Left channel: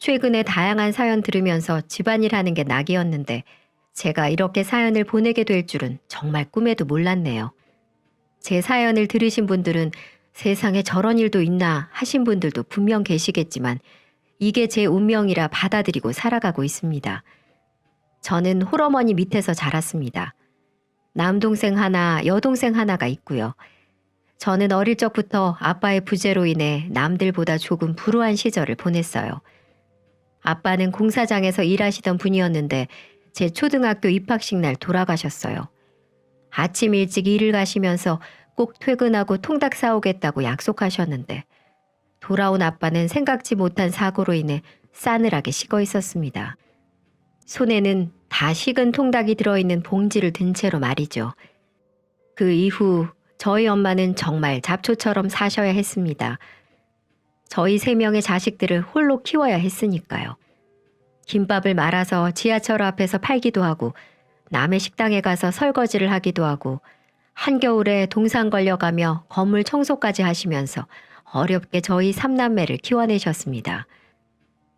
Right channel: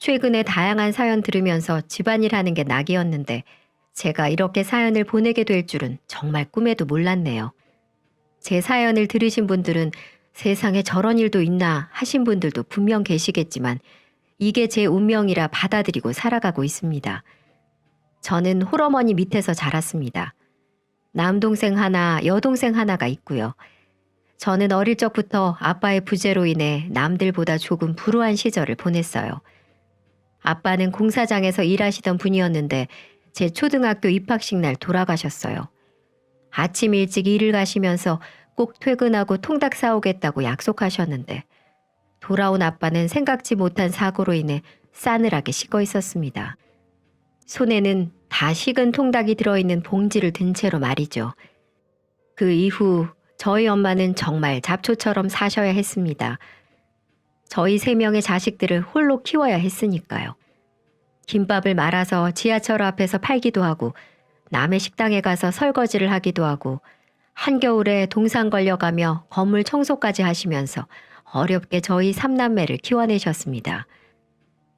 최근에 다양한 사연 들으면서 집안일 하는 게 낙이었는데 제가 이렇게 사연을 보내게 될 줄은 정말 꿈에도 몰랐네요. 제 사연을 들으신 분들은 세상에 저런 일도 있나 하신 분들도 분명 계시겠지만 이게 제 운명이라 받아들이고 살아가고 있습니다. 저는 홀어머니 밑에서 자랐습니다. 남동생 하나, 여동생 하나가 있고요. 저는 어릴 적부터 아빠의 부재로 인해 남들보다 조금 불우한 시절을 보냈어요. 아빠는 공사장에서 일하시던 분이었는데 제 초등학교 입학식 날 돌아가셨어요. 아침 일찍 일을 가시면서 꼭 퇴근하고 통닭 사오겠다고 약속하셨는데 돌아온 아빠는 생각지 못한 사고로 인해 싸늘하게 식어 있었습니다. 손에는 다 식은 통닭이 들어있는 봉지를 든 채로 말이죠. 그 이후 저희 엄마는 정말 잡초처럼 사셔야 했습니다. 저희 3명의 자식들을 홀로 키워야 했으니까요. 김밥을 말아서 지하철 앞에서 팔기도 하고 남의 식당에 가서 설거지를 하기도 하고 한겨울에 동산 걸려가며 건물 청소까지 하시면서 어렵게 저희 3남매를 키워내셨습니다.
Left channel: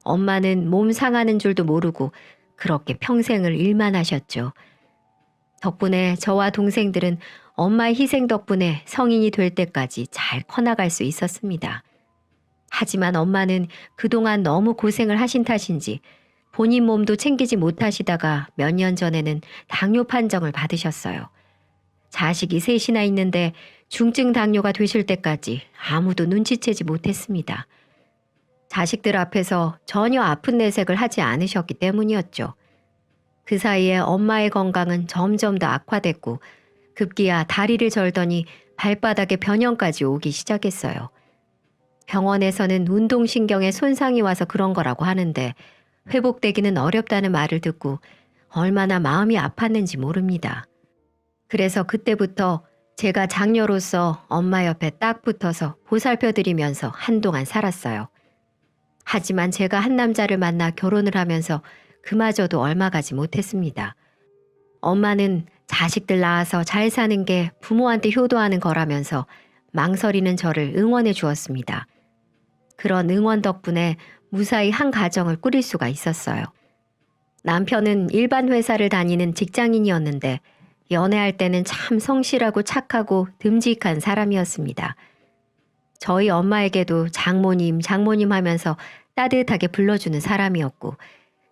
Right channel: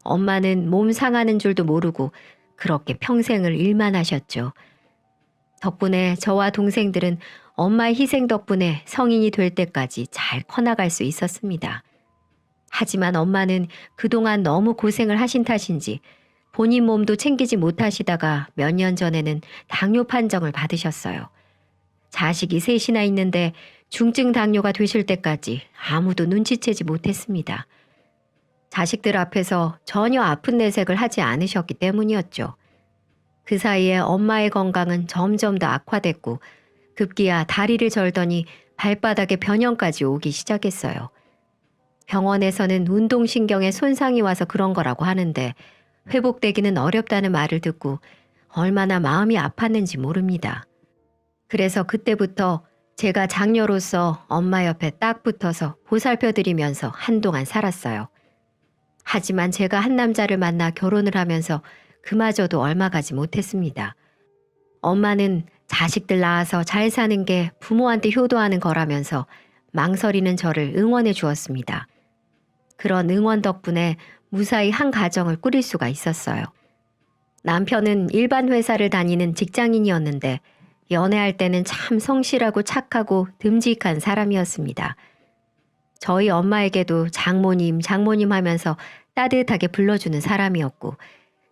엄마는 몸 상하는 줄도 모르고 그렇게 평생을 일만 하셨죠. 덕분에 저와 동생들은 엄마의 희생 덕분에 성인이 될 때까지 잘 커나갈 수 있었습니다. 하지만 엄마는 그동안 너무 고생을 하신 탓인지 본인 몸도 챙기지 못하시다가 몇 년 전에는 당뇨 판정을 받으셨어요. 자식이 셋이나 있는데 중증 당뇨가 되실 때까지 아무도 눈치채지 못했습니다. 자식들 앞에서 전혀 아픈 내색을 하지 않으셨기 때문이었죠. 그 사이에 엄마의 건강은 점점 더 악화됐고 급기야 다리를 절더니 발바닥에 변형까지 오기 시작했어요. 병원에서는 운동신경에 손상이 와서 그런 거라고 하는데 회복되기는 어렵다는 말을 듣고 얼마나 마음이 아팠는지 모릅니다. 그래서 그때부터 제가 장녀로서 엄마 옆에 딱 붙어서 보살펴드리면서 한동안 살았어요. 하지만 제가 한 남자를 만나 결혼을 하면서 그마저도 얼마 가지 못했습니다. 엄마는 자식들 낳아서 잘 사는 게 부모한테 효도하는 거라면서 망설이는 저를 응원해 주었습니다. 그런 응원 덕분에 무사히 한 가정을 꾸릴 수가 있었어요. 남편은 일반 회사를 다니는 직장인이었는데 연애할 때는 참 성실하고 착하고 듬직한 사람이었습니다. 저희 엄마에게도 장모님, 장모님 하면서 따뜻하게 불러주는 사람이었고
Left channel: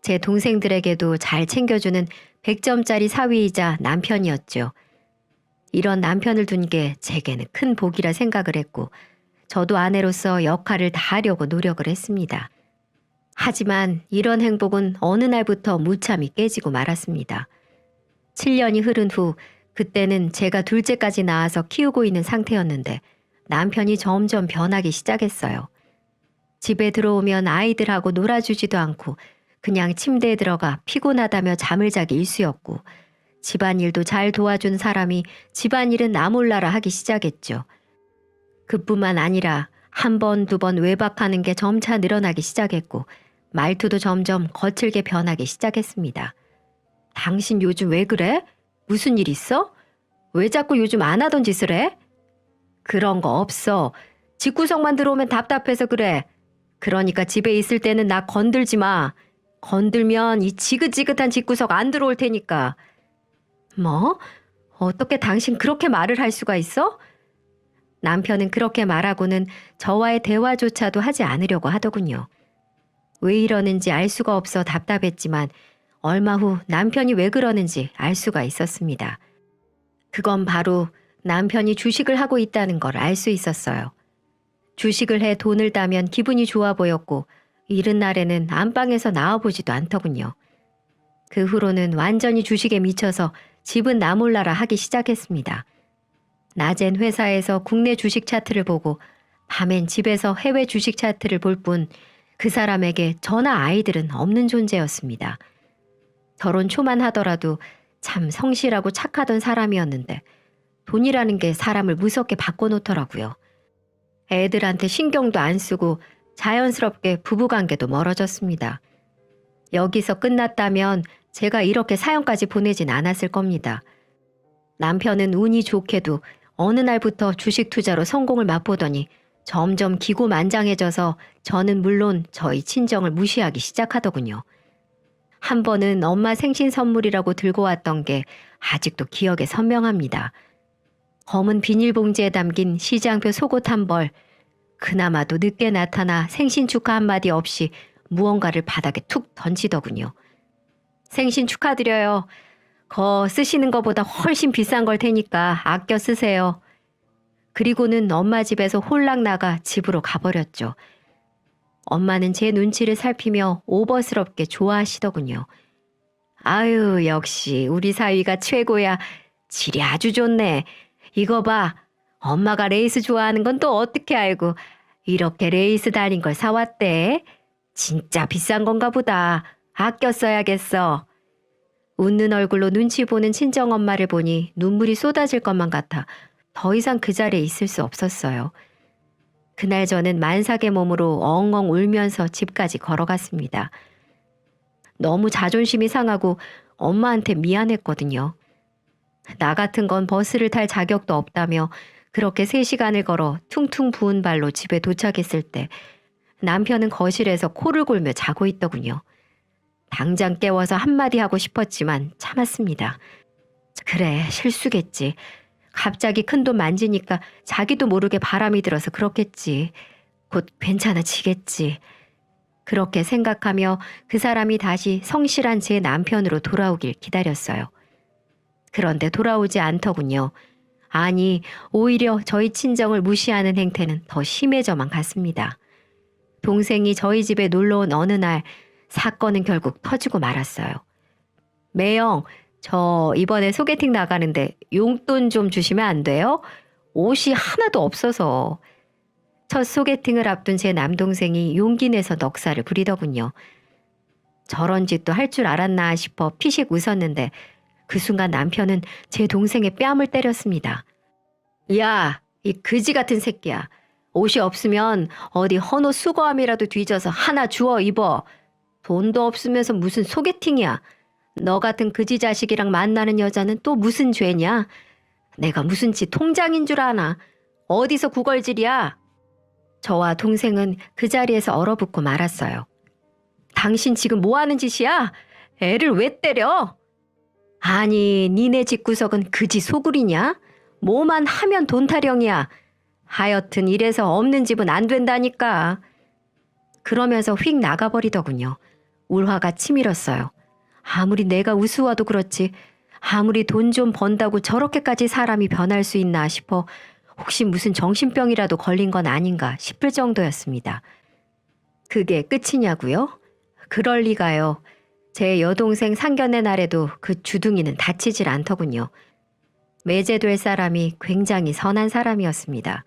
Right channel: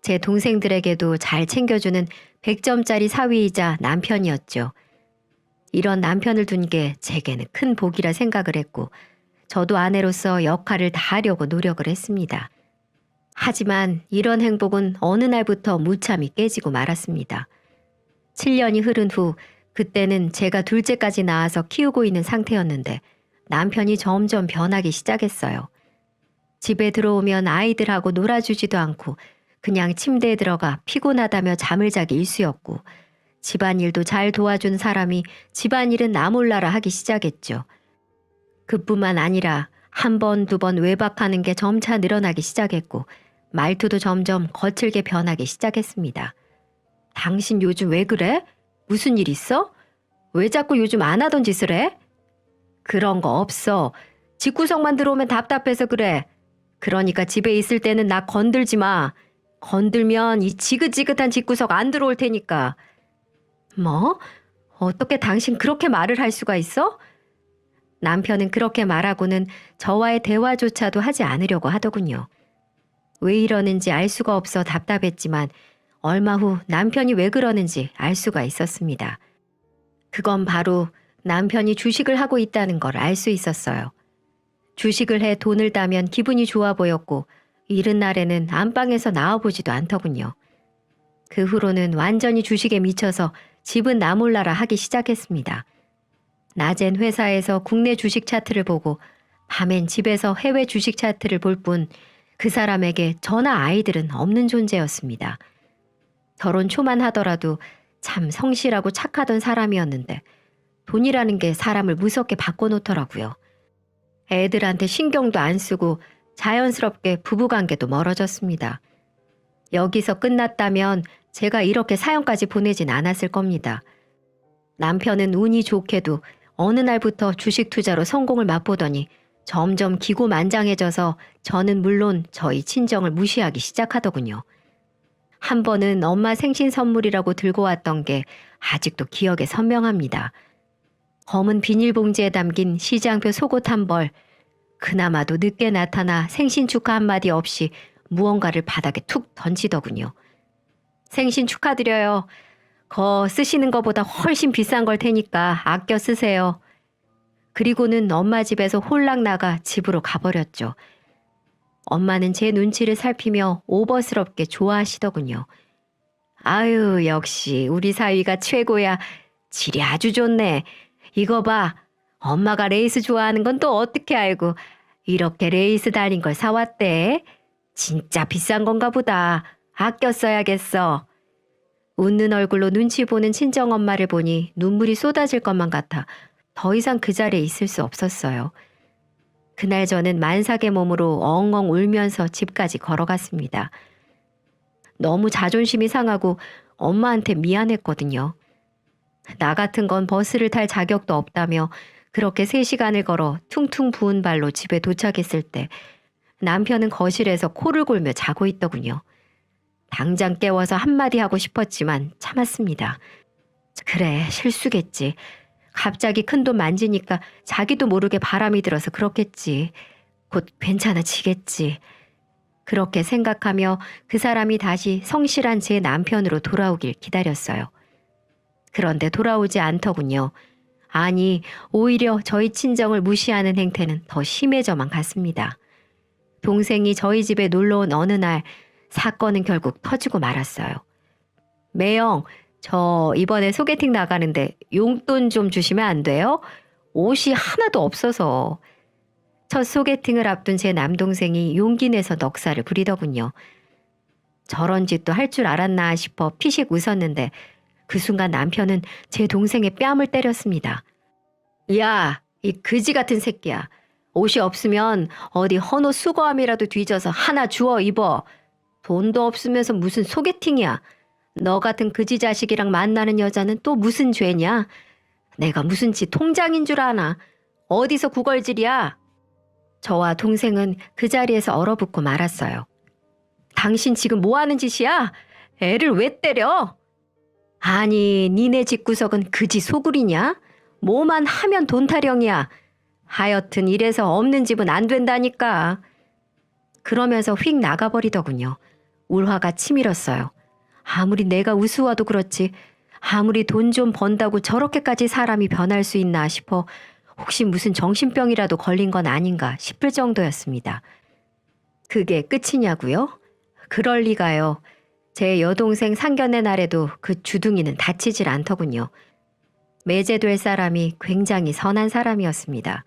제 동생들에게도 잘 챙겨주는 100점짜리 사위이자 남편이었죠. 이런 남편을 둔 게 제게는 큰 복이라 생각을 했고 저도 아내로서 역할을 다하려고 노력을 했습니다. 하지만 이런 행복은 어느 날부터 무참히 깨지고 말았습니다. 7년이 흐른 후 그때는 제가 둘째까지 낳아서 키우고 있는 상태였는데 남편이 점점 변하기 시작했어요. 집에 들어오면 아이들하고 놀아주지도 않고 그냥 침대에 들어가 피곤하다며 잠을 자기 일쑤였고 집안일도 잘 도와준 사람이 집안일은 나 몰라라 하기 시작했죠. 그뿐만 아니라 한 번, 두 번 외박하는 게 점차 늘어나기 시작했고 말투도 점점 거칠게 변하기 시작했습니다. 당신 요즘 왜 그래? 무슨 일 있어? 왜 자꾸 요즘 안 하던 짓을 해? 그런 거 없어. 집구석만 들어오면 답답해서 그래. 그러니까 집에 있을 때는 나 건들지 마. 건들면 이 지긋지긋한 집구석 안 들어올 테니까. 뭐? 어떻게 당신 그렇게 말을 할 수가 있어? 남편은 그렇게 말하고는 저와의 대화조차도 하지 않으려고 하더군요. 왜 이러는지 알 수가 없어 답답했지만 얼마 후 남편이 왜 그러는지 알 수가 있었습니다. 그건 바로 남편이 주식을 하고 있다는 걸 알 수 있었어요. 주식을 해 돈을 따면 기분이 좋아 보였고 이른 날에는 안방에서 나와보지도 않더군요. 그 후로는 완전히 주식에 미쳐서 집은 나 몰라라 하기 시작했습니다. 낮엔 회사에서 국내 주식 차트를 보고 밤엔 집에서 해외 주식 차트를 볼 뿐 그 사람에게 저나 아이들은 없는 존재였습니다. 결혼 초만 하더라도 참 성실하고 착하던 사람이었는데 돈이라는 게 사람을 무섭게 바꿔놓더라고요. 애들한테 신경도 안 쓰고 자연스럽게 부부관계도 멀어졌습니다. 여기서 끝났다면 제가 이렇게 사연까지 보내진 않았을 겁니다. 남편은 운이 좋게도 어느 날부터 주식 투자로 성공을 맛보더니 점점 기고만장해져서 저는 물론 저희 친정을 무시하기 시작하더군요. 한 번은 엄마 생신 선물이라고 들고 왔던 게 아직도 기억에 선명합니다. 검은 비닐봉지에 담긴 시장표 속옷 한 벌, 그나마도 늦게 나타나 생신 축하 한마디 없이 무언가를 바닥에 툭 던지더군요. 생신 축하드려요. 거 쓰시는 것보다 훨씬 비싼 걸 테니까 아껴 쓰세요. 그리고는 엄마 집에서 홀랑 나가 집으로 가버렸죠. 엄마는 제 눈치를 살피며 오버스럽게 좋아하시더군요. 아유, 역시 우리 사위가 최고야. 질이 아주 좋네. 이거 봐. 엄마가 레이스 좋아하는 건 또 어떻게 알고 이렇게 레이스 달린 걸 사왔대. 진짜 비싼 건가 보다. 아껴 써야겠어. 웃는 얼굴로 눈치 보는 친정엄마를 보니 눈물이 쏟아질 것만 같아 더 이상 그 자리에 있을 수 없었어요. 그날 저는 만삭의 몸으로 엉엉 울면서 집까지 걸어갔습니다. 너무 자존심이 상하고 엄마한테 미안했거든요. 나 같은 건 버스를 탈 자격도 없다며 그렇게 3시간을 걸어 퉁퉁 부은 발로 집에 도착했을 때 남편은 거실에서 코를 골며 자고 있더군요. 당장 깨워서 한마디 하고 싶었지만 참았습니다. 그래, 실수겠지. 갑자기 큰돈 만지니까 자기도 모르게 바람이 들어서 그렇겠지. 곧 괜찮아지겠지. 그렇게 생각하며 그 사람이 다시 성실한 제 남편으로 돌아오길 기다렸어요. 그런데 돌아오지 않더군요. 아니, 오히려 저희 친정을 무시하는 행태는 더 심해져만 갔습니다. 동생이 저희 집에 놀러온 어느 날 사건은 결국 터지고 말았어요. 매영, 저 이번에 소개팅 나가는데 용돈 좀 주시면 안 돼요? 옷이 하나도 없어서. 첫 소개팅을 앞둔 제 남동생이 용기 내서 넉살을 부리더군요. 저런 짓도 할 줄 알았나 싶어 피식 웃었는데 그 순간 남편은 제 동생의 뺨을 때렸습니다. 야, 이 그지 같은 새끼야. 옷이 없으면 어디 헌옷 수거함이라도 뒤져서 하나 주워 입어. 돈도 없으면서 무슨 소개팅이야. 너 같은 그지 자식이랑 만나는 여자는 또 무슨 죄냐? 내가 무슨 지 통장인 줄 아나? 어디서 구걸질이야? 저와 동생은 그 자리에서 얼어붙고 말았어요. 당신 지금 뭐 하는 짓이야? 애를 왜 때려? 아니, 니네 집구석은 그지 소굴이냐? 뭐만 하면 돈 타령이야. 하여튼 이래서 없는 집은 안 된다니까. 그러면서 휙 나가버리더군요. 울화가 치밀었어요. 아무리 내가 우스워도 그렇지 아무리 돈 좀 번다고 저렇게까지 사람이 변할 수 있나 싶어 혹시 무슨 정신병이라도 걸린 건 아닌가 싶을 정도였습니다. 그게 끝이냐고요? 그럴 리가요. 제 여동생 상견례 날에도 그 주둥이는 다치질 않더군요. 매제될 사람이 굉장히 선한 사람이었습니다.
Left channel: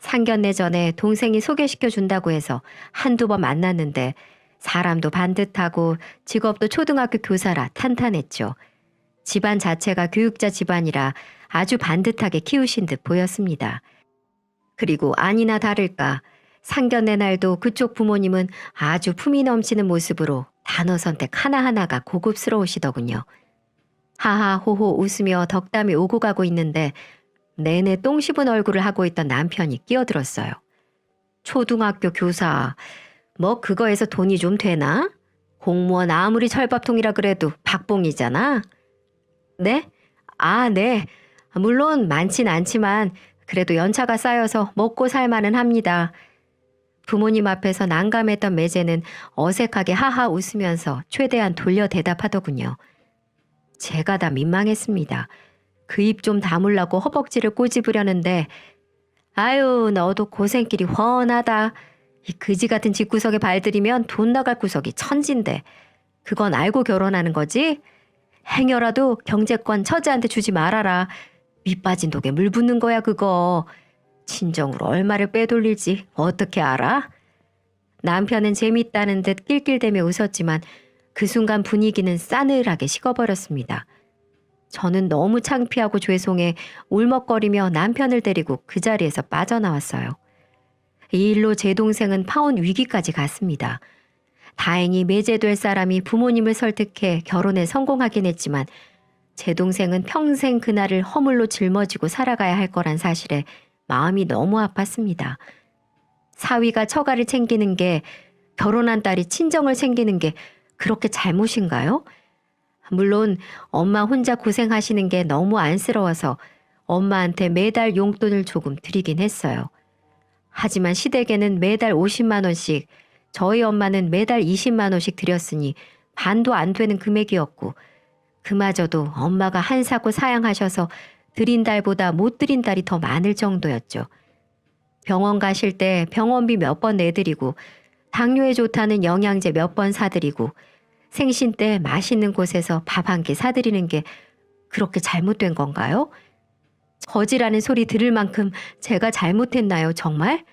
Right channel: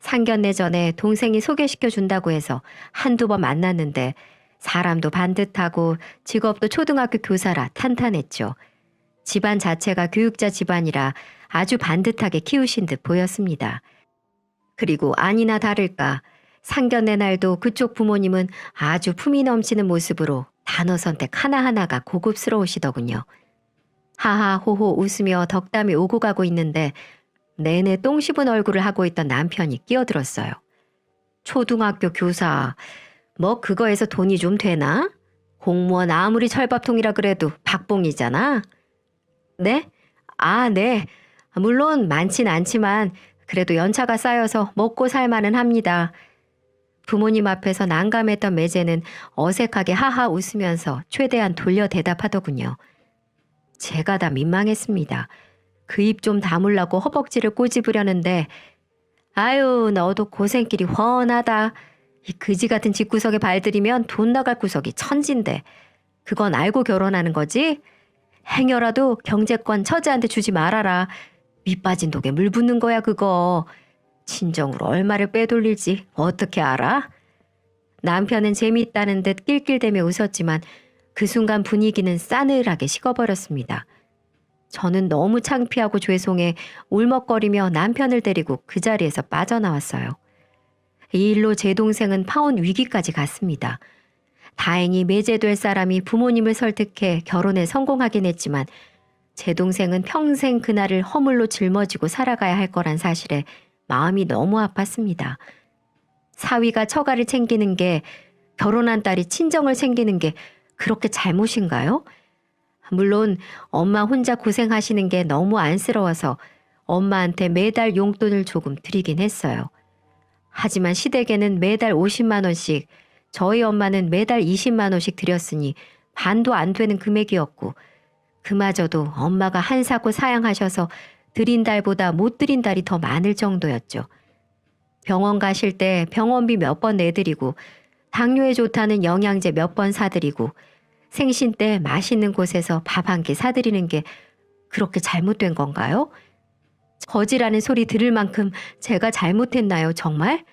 상견례 전에 동생이 소개시켜 준다고 해서 한두 번 만났는데 사람도 반듯하고 직업도 초등학교 교사라 탄탄했죠. 집안 자체가 교육자 집안이라 아주 반듯하게 키우신 듯 보였습니다. 그리고 아니나 다를까 상견례 날도 그쪽 부모님은 아주 품이 넘치는 모습으로 단어 선택 하나하나가 고급스러우시더군요. 하하호호 웃으며 덕담이 오고 가고 있는데 내내 똥 씹은 얼굴을 하고 있던 남편이 끼어들었어요. 초등학교 교사, 뭐 그거에서 돈이 좀 되나? 공무원 아무리 철밥통이라 그래도 박봉이잖아. 네? 아, 네. 물론 많진 않지만 그래도 연차가 쌓여서 먹고 살만은 합니다. 부모님 앞에서 난감했던 매제는 어색하게 하하 웃으면서 최대한 돌려 대답하더군요. 제가 다 민망했습니다. 그 입 좀 다물라고 허벅지를 꼬집으려는데 아유, 너도 고생길이 훤하다. 이 그지 같은 집구석에 발들이면 돈 나갈 구석이 천진데 그건 알고 결혼하는 거지? 행여라도 경제권 처자한테 주지 말아라. 밑 빠진 독에 물 붓는 거야 그거. 친정으로 얼마를 빼돌릴지 어떻게 알아? 남편은 재미있다는 듯 낄낄대며 웃었지만 그 순간 분위기는 싸늘하게 식어버렸습니다. 저는 너무 창피하고 죄송해 울먹거리며 남편을 데리고 그 자리에서 빠져나왔어요. 이 일로 제 동생은 파혼 위기까지 갔습니다. 다행히 매제될 사람이 부모님을 설득해 결혼에 성공하긴 했지만 제 동생은 평생 그날을 허물로 짊어지고 살아가야 할 거란 사실에 마음이 너무 아팠습니다. 사위가 처가를 챙기는 게, 결혼한 딸이 친정을 챙기는 게 그렇게 잘못인가요? 물론 엄마 혼자 고생하시는 게 너무 안쓰러워서 엄마한테 매달 용돈을 조금 드리긴 했어요. 하지만 시댁에는 매달 50만 원씩, 저희 엄마는 매달 20만 원씩 드렸으니 반도 안 되는 금액이었고, 그마저도 엄마가 한사코 사양하셔서 드린 달보다 못 드린 달이 더 많을 정도였죠. 병원 가실 때 병원비 몇 번 내드리고, 당뇨에 좋다는 영양제 몇 번 사드리고, 생신 때 맛있는 곳에서 밥 한 끼 사드리는 게 그렇게 잘못된 건가요? 거지라는 소리 들을 만큼 제가 잘못했나요, 정말?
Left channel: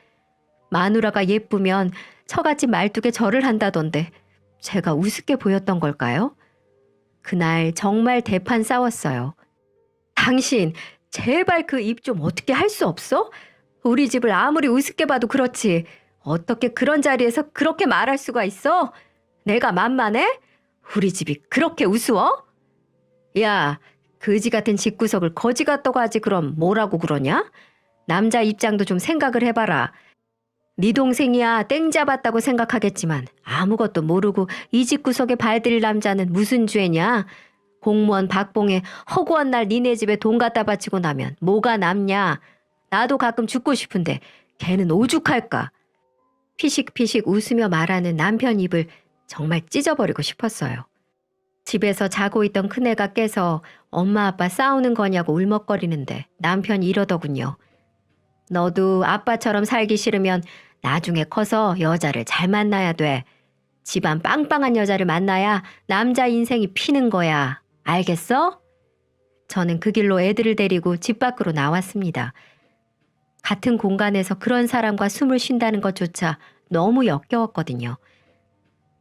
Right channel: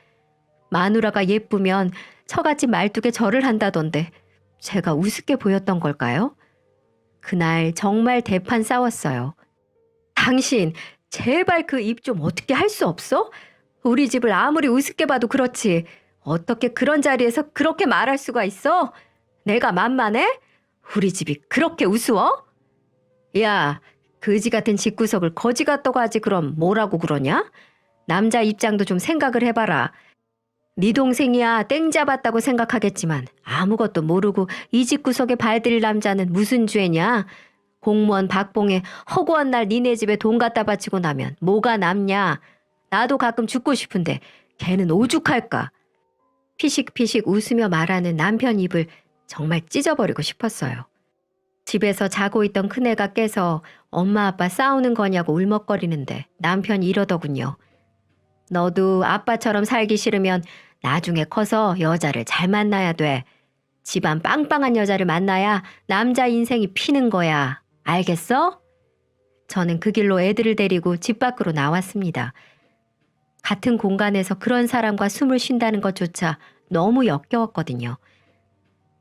마누라가 예쁘면 처갓집 말뚝에 절을 한다던데 제가 우습게 보였던 걸까요? 그날 정말 대판 싸웠어요. 당신, 제발 그 입 좀 어떻게 할 수 없어? 우리 집을 아무리 우습게 봐도 그렇지. 어떻게 그런 자리에서 그렇게 말할 수가 있어? 내가 만만해? 우리 집이 그렇게 우스워? 야, 그지 같은 집구석을 거지 같다고 하지 그럼 뭐라고 그러냐? 남자 입장도 좀 생각을 해봐라. 네 동생이야 땡 잡았다고 생각하겠지만 아무것도 모르고 이 집구석에 발들일 남자는 무슨 죄냐? 공무원 박봉에 허구한 날 니네 집에 돈 갖다 바치고 나면 뭐가 남냐? 나도 가끔 죽고 싶은데 걔는 오죽할까? 피식피식 웃으며 말하는 남편 입을 정말 찢어버리고 싶었어요. 집에서 자고 있던 큰애가 깨서 엄마 아빠 싸우는 거냐고 울먹거리는데 남편이 이러더군요. 너도 아빠처럼 살기 싫으면 나중에 커서 여자를 잘 만나야 돼. 집안 빵빵한 여자를 만나야 남자 인생이 피는 거야. 알겠어? 저는 그 길로 애들을 데리고 집 밖으로 나왔습니다. 같은 공간에서 그런 사람과 숨을 쉰다는 것조차 너무 역겨웠거든요.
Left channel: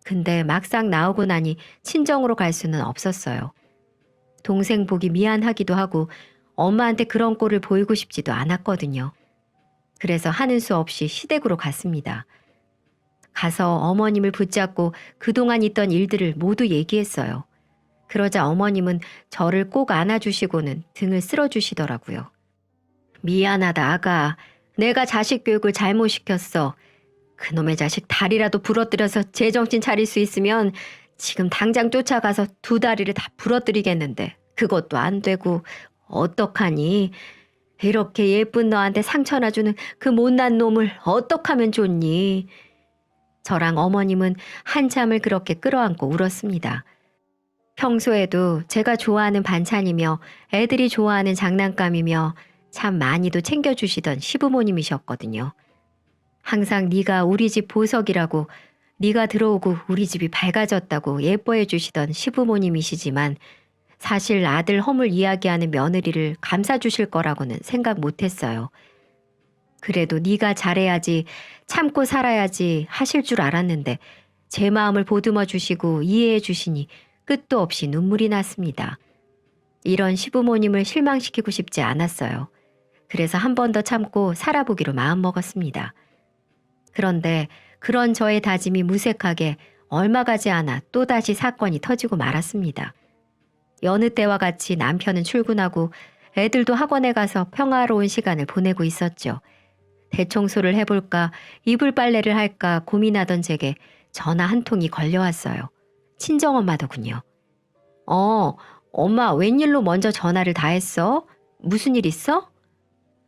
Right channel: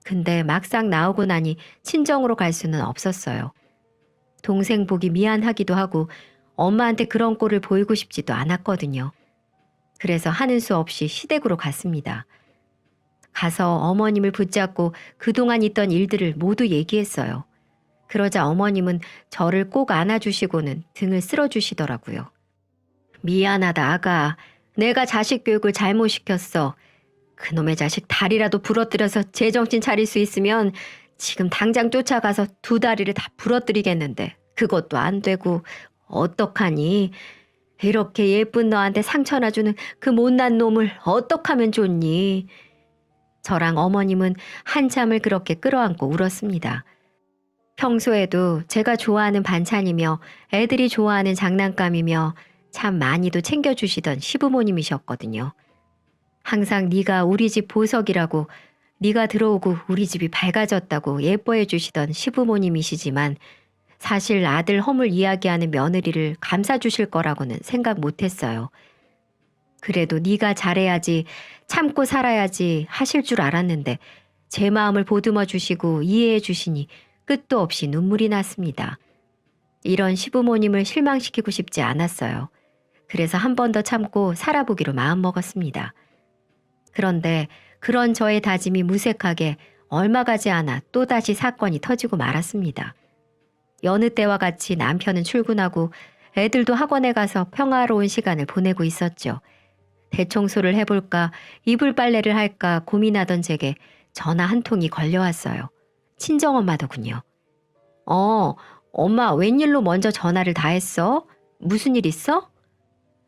근데 막상 나오고 나니 친정으로 갈 수는 없었어요. 동생 보기 미안하기도 하고 엄마한테 그런 꼴을 보이고 싶지도 않았거든요. 그래서 하는 수 없이 시댁으로 갔습니다. 가서 어머님을 붙잡고 그동안 있던 일들을 모두 얘기했어요. 그러자 어머님은 저를 꼭 안아주시고는 등을 쓸어주시더라고요. 미안하다 아가. 내가 자식 교육을 잘못 시켰어. 그놈의 자식 다리라도 부러뜨려서 제정신 차릴 수 있으면 지금 당장 쫓아가서 두 다리를 다 부러뜨리겠는데 그것도 안 되고 어떡하니? 이렇게 예쁜 너한테 상처나 주는 그 못난 놈을 어떡하면 좋니? 저랑 어머님은 한참을 그렇게 끌어안고 울었습니다. 평소에도 제가 좋아하는 반찬이며 애들이 좋아하는 장난감이며 참 많이도 챙겨주시던 시부모님이셨거든요. 항상 네가 우리 집 보석이라고, 네가 들어오고 우리 집이 밝아졌다고 예뻐해 주시던 시부모님이시지만 사실 아들 허물 이야기하는 며느리를 감싸주실 거라고는 생각 못했어요. 그래도 네가 잘해야지, 참고 살아야지 하실 줄 알았는데 제 마음을 보듬어 주시고 이해해 주시니 끝도 없이 눈물이 났습니다. 이런 시부모님을 실망시키고 싶지 않았어요. 그래서 한 번 더 참고 살아보기로 마음먹었습니다. 그런데 그런 저의 다짐이 무색하게 얼마 가지 않아 또다시 사건이 터지고 말았습니다. 여느 때와 같이 남편은 출근하고 애들도 학원에 가서 평화로운 시간을 보내고 있었죠. 대청소를 해볼까 이불 빨래를 할까 고민하던 제게 전화 한 통이 걸려왔어요. 친정엄마더군요. 엄마 웬일로 먼저 전화를 다 했어? 무슨 일 있어?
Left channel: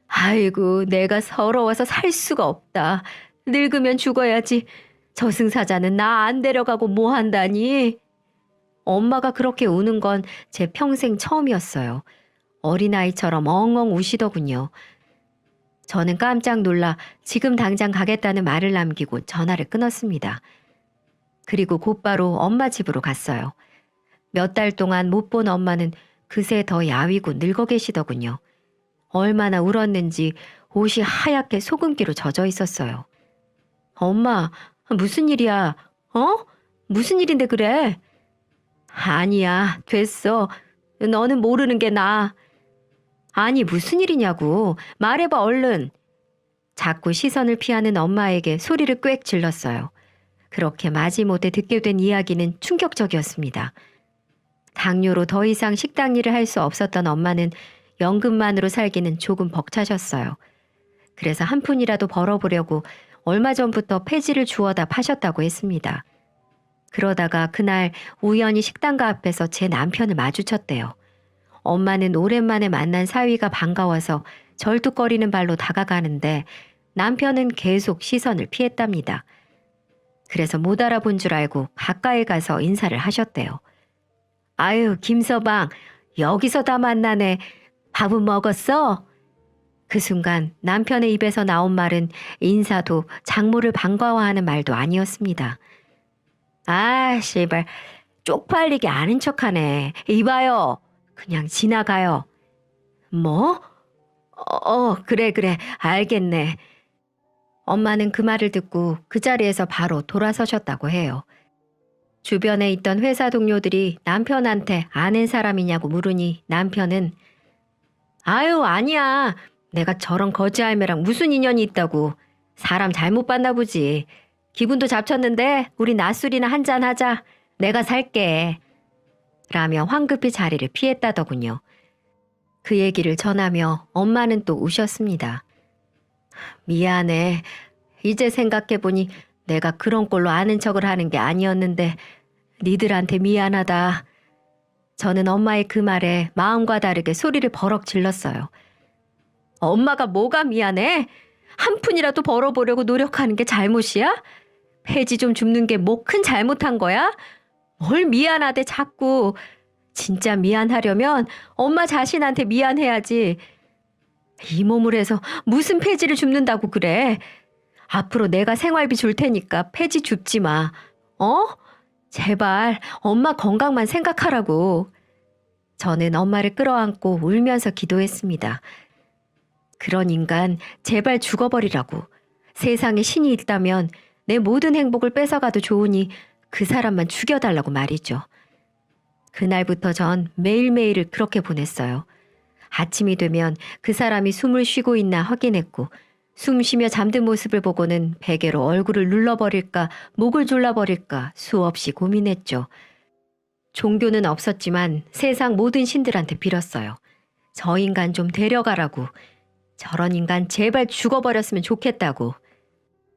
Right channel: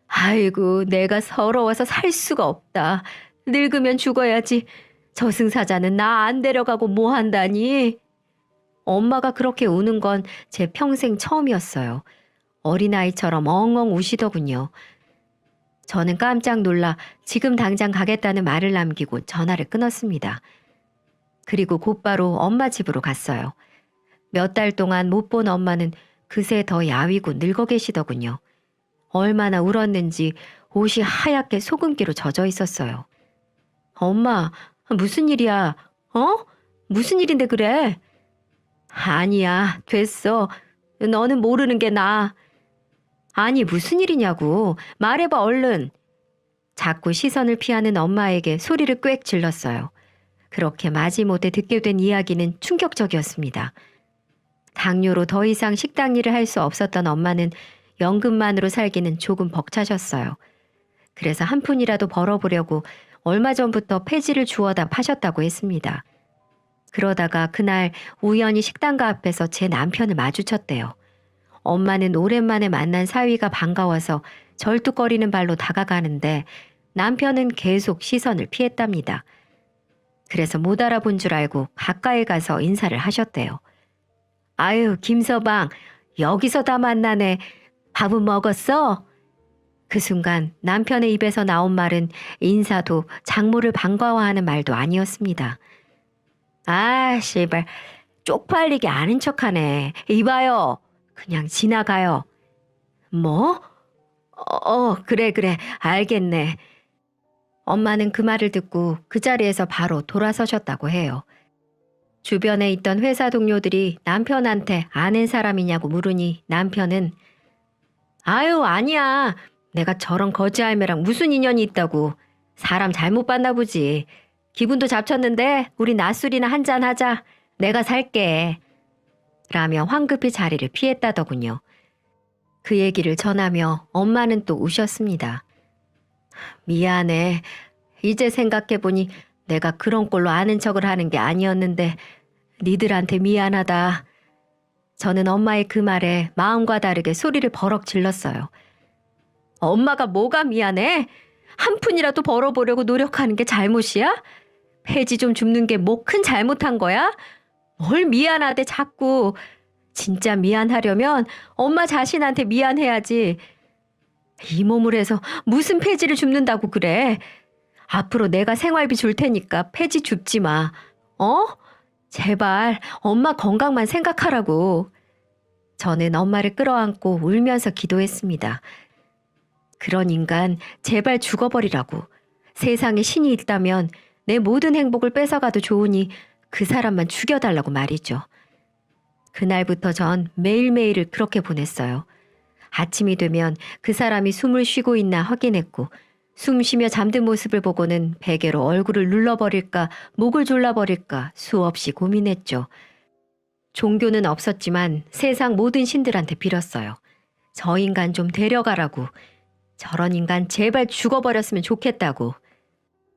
아이고 내가 서러워서 살 수가 없다. 늙으면 죽어야지. 저승사자는 나 안 데려가고 뭐 한다니? 엄마가 그렇게 우는 건 제 평생 처음이었어요. 어린아이처럼 엉엉 우시더군요. 저는 깜짝 놀라 지금 당장 가겠다는 말을 남기고 전화를 끊었습니다. 그리고 곧바로 엄마 집으로 갔어요. 몇 달 동안 못 본 엄마는 그새 더 야위고 늙어 계시더군요. 얼마나 울었는지 옷이 하얗게 소금기로 젖어 있었어요. 엄마, 무슨 일이야? 무슨 일인데 그래? 아니야, 됐어. 너는 모르는 게 나아. 아니, 무슨 일이냐고. 말해봐, 얼른. 자꾸 시선을 피하는 엄마에게 소리를 꽥 질렀어요. 그렇게 마지못해 듣게 된 이야기는 충격적이었습니다. 당뇨로 더 이상 식당 일을 할 수 없었던 엄마는 연금만으로 살기는 조금 벅차셨어요. 그래서 한 푼이라도 벌어보려고 얼마 전부터 폐지를 주워다 파셨다고 했습니다. 그러다가 그날 우연히 식당가 앞에서 제 남편을 마주쳤대요. 엄마는 오랜만에 만난 사위가 반가워서 절뚝거리는 발로 다가가는데 남편은 계속 시선을 피했답니다. 그래서 못 알아본 줄 알고 가까이 가서 인사를 하셨대요. 아유, 김서방, 여기서 다 만나네. 밥은 먹었어? 그 순간 남편의 입에서 나온 말은 인사도 장모를 반가워하는 말도 아니었습니다. 아, 씨발, 쪽팔리게 아는 척하네. 이봐요. 그냥 지나가요. 뭐? 그래, 알겠네. 엄마는 그 말을 듣고 그 자리에서 바로 돌아서셨다고 해요. 주변에 있던 회사 동료들이 남편한테 아는 사람이냐고 물으니 남편은 아유, 아니야. 내가 저런 거지할매랑 무슨 인연이 있다고. 사람 잘못 봤나 보지. 기분도 잡쳤는데 우리 낮술이나 한잔 하자. 내가 살게. 라며 황급히 자리를 피했다더군요. 그 얘기를 전하며 엄마는 또 우셨습니다. 미안해. 이제 생각해보니 내가 그런 꼴로 아는 척을 하는 게 아니었는데 니들한테 미안하다. 저는 엄마의 그 말에 마음과 다르게 소리를 버럭 질렀어요. 엄마가 뭐가 미안해? 한 푼이라도 벌어보려고 노력하는 게 잘못이야? 폐지 좀 줍는 게 뭐 큰 잘못한 거야? 뭘 미안하대 자꾸. 진짜 미안하려면 엄마 자신한테 미안해야지. 이 몸을 해서 무슨 폐지를 줍는다고 그래. 앞으로 내가 생활비 줄 테니까 폐지 줍지 마. 어? 제발 엄마 건강만 생각하라고. 저는 엄마를 끌어안고 울면서 기도했습니다. 그런 인간 제발 죽어버리라고. 세상에 신이 있다면 내 모든 행복을 뺏어가도 좋으니 그 사람만 죽여달라고 말이죠. 그날부터 전 매일매일을 그렇게 보냈어요. 아침이 되면 그 사람이 숨을 쉬고 있나 확인했고 숨 쉬며 잠든 모습을 보고는 베개로 얼굴을 눌러버릴까 목을 졸라버릴까 수없이 고민했죠. 종교는 없었지만 세상 모든 신들한테 빌었어요. 저 인간 좀 데려가라고. 저런 인간 제발 죽어버렸으면 좋겠다고.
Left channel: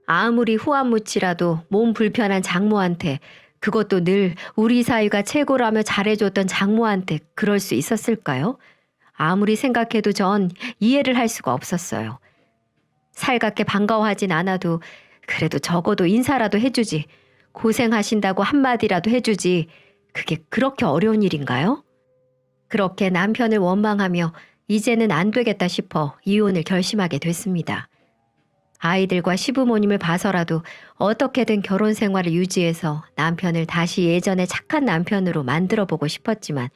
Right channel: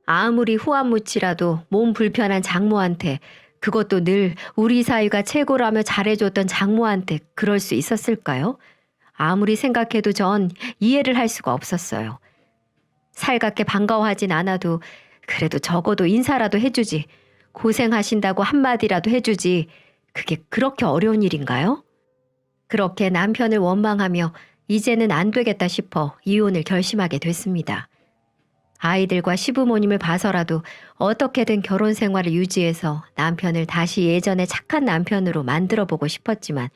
아무리 후한무치라도 몸 불편한 장모한테, 그것도 늘 우리 사이가 최고라며 잘해줬던 장모한테 그럴 수 있었을까요? 아무리 생각해도 전 이해를 할 수가 없었어요. 살갑게 반가워하진 않아도 그래도 적어도 인사라도 해주지. 고생하신다고 한마디라도 해주지. 그게 그렇게 어려운 일인가요? 그렇게 남편을 원망하며 이제는 안 되겠다 싶어 이혼을 결심하게 됐습니다. 아이들과 시부모님을 봐서라도 어떻게든 결혼 생활을 유지해서 남편을 다시 예전의 착한 남편으로 만들어보고 싶었지만